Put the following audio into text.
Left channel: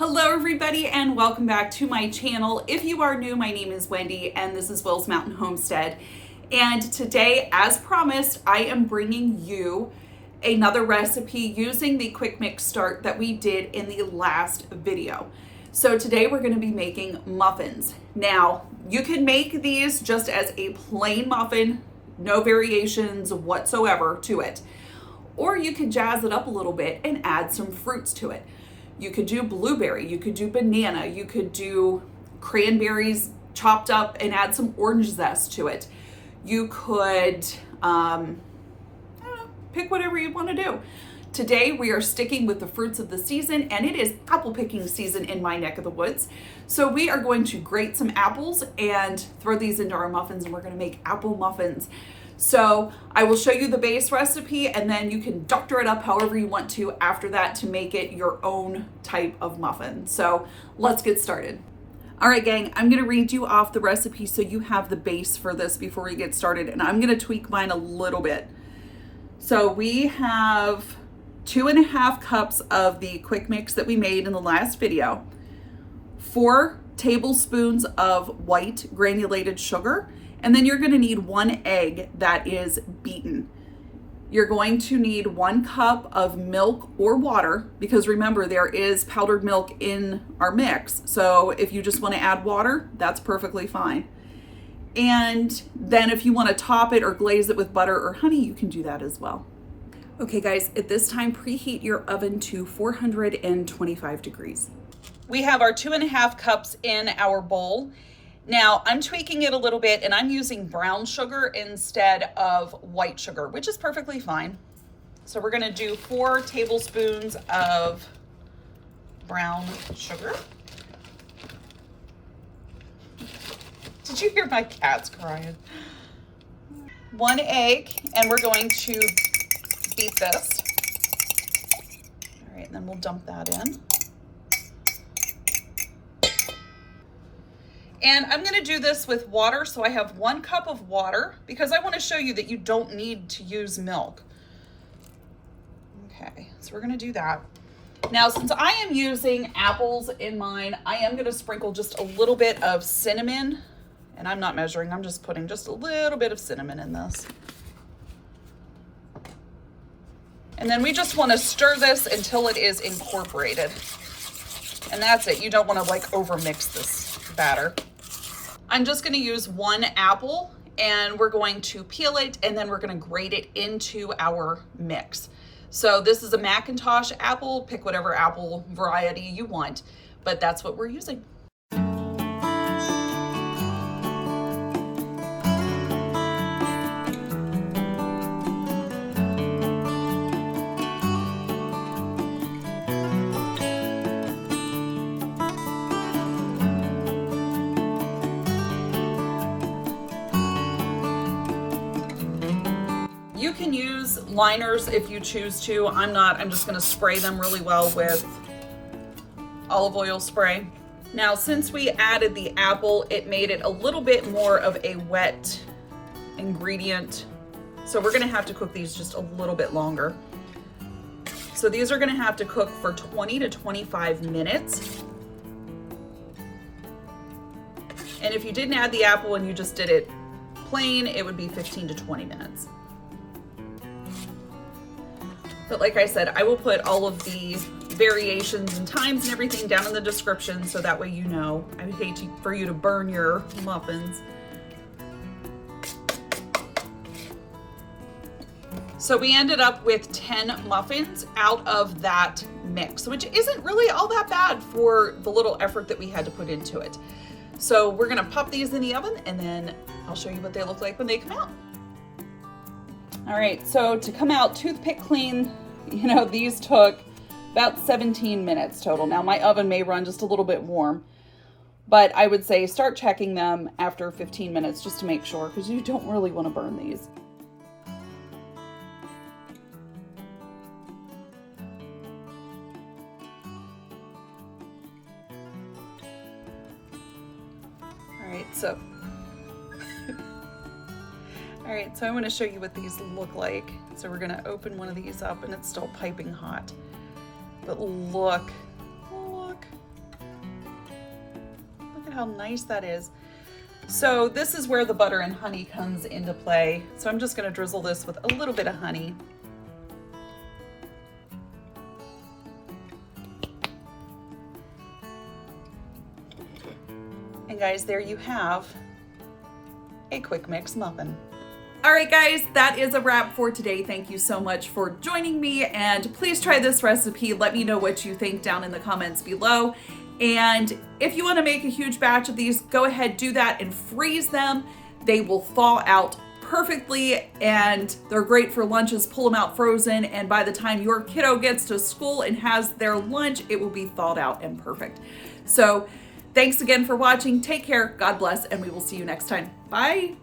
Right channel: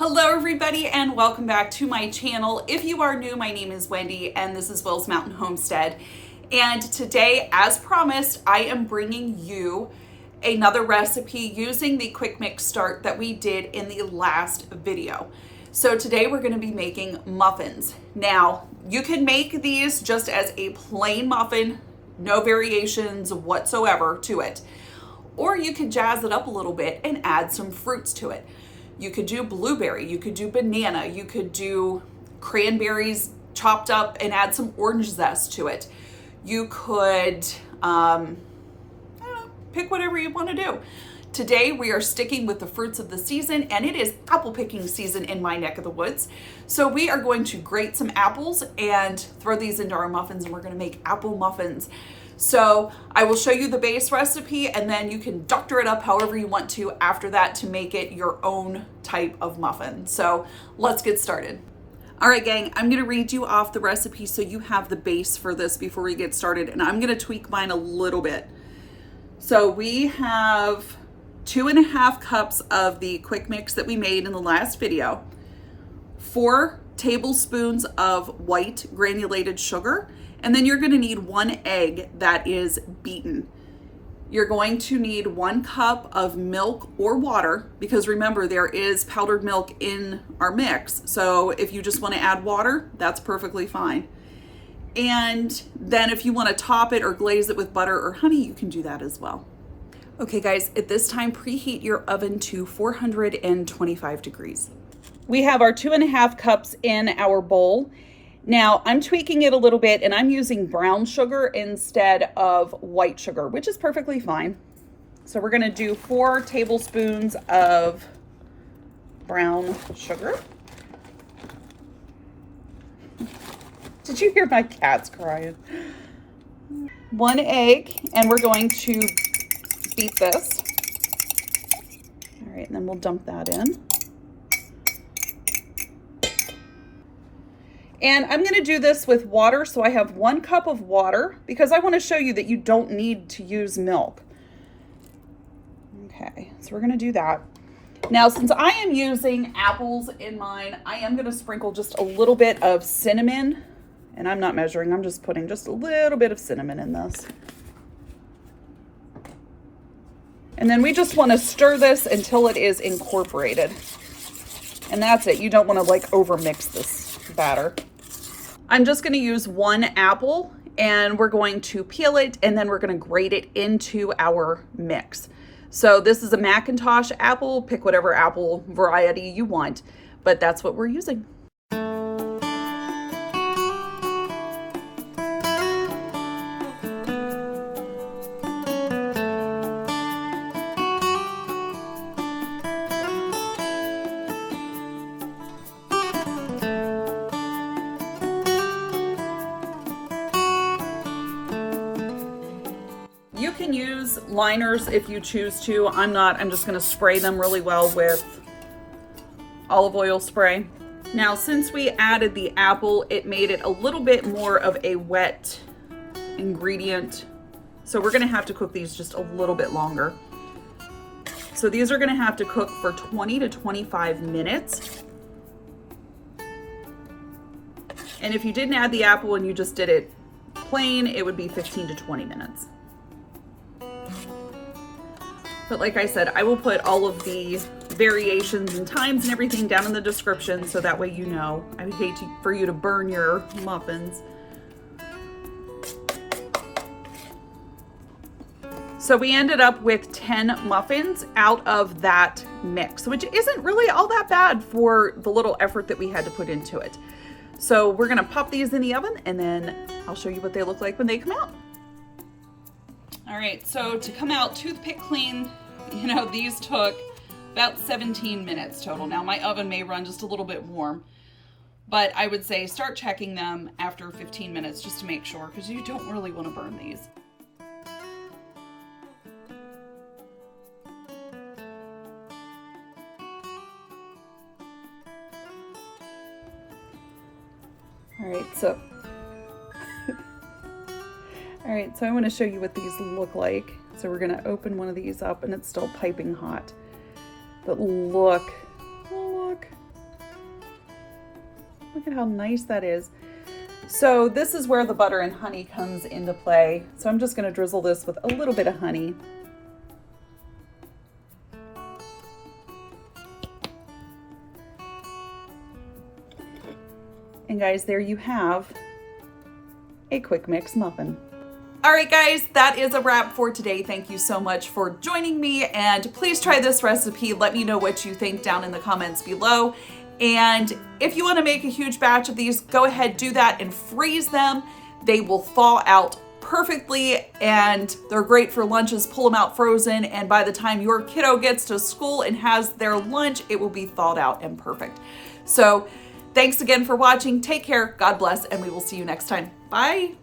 Hello everybody and welcome back to my channel. If you are new, my name is Wendy and this is Will's Mountain Homestead. And today, as promised, I am bringing you another recipe using the quick mix start that we did in the last video. So today we're going to be making muffins. Now, you can make these just as a plain muffin, no variations whatsoever to it. Or you could jazz it up a little bit and add some fruits to it. You could do blueberry, you could do banana, you could do cranberries chopped up and add some orange zest to it. You could pick whatever you want to do. Today we are sticking with the fruits of the season, and it is apple picking season in my neck of the woods. So we are going to grate some apples and throw these into our muffins, and we're going to make apple muffins. So I will show you the base recipe, and then you can doctor it up however you want to after that to make it your own type of muffin. So let's get started. All right, gang, I'm gonna read you off the recipe so you have the base for this before we get started, and I'm gonna tweak mine a little bit. So we have 2.5 cups of the quick mix that we made in the last video, 4 tablespoons of white granulated sugar, and then you're going to need 1 egg that is beaten. You're going to need 1 cup of milk or water, because remember, there is powdered milk in our mix. So if you just want to add water, that's perfectly fine. And then if you want to top it or glaze it with butter or honey, you can do that as well. Okay guys, at this time, preheat your oven to 425 degrees. We have our 2.5 cups in our bowl. Now I'm tweaking it a little bit and I'm using brown sugar instead of white sugar, which is perfectly fine. So we're gonna do 4 tablespoons of brown sugar. Did you hear my cats crying? 1 egg, and we're going to beat this. All right, and then we'll dump that in. And I'm gonna do this with water, so I have 1 cup of water because I wanna show you that you don't need to use milk. Okay, so we're gonna do that. Now, since I am using apples in mine, I am gonna sprinkle just a little bit of cinnamon, and I'm not measuring, I'm just putting just a little bit of cinnamon in this. And then we just wanna stir this until it is incorporated. And that's it, you don't wanna like over mix this batter. I'm just going to use 1 apple, and we're going to peel it, and then we're going to grate it into our mix. So this is a Macintosh apple. Pick whatever apple variety you want, but that's what we're using. You can use liners if you choose to. I'm not. I'm just going to spray them really well with olive oil spray. Now, since we added the apple, it made it a little bit more of a wet ingredient. So we're going to have to cook these just a little bit longer. So these are going to have to cook for 20 to 25 minutes. And if you didn't add the apple and you just did it plain, it would be 15 to 20 minutes. But like I said, I will put all of the variations and times and everything down in the description so that way you know. I would hate for you to burn your muffins. So we ended up with 10 muffins out of that mix, which isn't really all that bad for the little effort that we had to put into it. So we're gonna pop these in the oven, and then I'll show you what they look like when they come out. All right, so to come out toothpick clean, you know, these took about 17 minutes total. Now my oven may run just a little bit warm, but I would say start checking them after 15 minutes just to make sure, because you don't really want to burn these. All right, so All right, so I want to show you what these look like. So we're going to open one of these up, and it's still piping hot. But look, Look at how nice that is. So this is where the butter and honey comes into play. So I'm just gonna drizzle this with a little bit of honey. And guys, there you have a quick mix muffin. All right, guys, that is a wrap for today. Thank you so much for joining me, and please try this recipe. Let me know what you think down in the comments below. And if you want to make a huge batch of these, go ahead, do that and freeze them. They will thaw out perfectly, and they're great for lunches. Pull them out frozen, and by the time your kiddo gets to school and has their lunch, it will be thawed out and perfect. So thanks again for watching. Take care, God bless, and we will see you next time. Bye.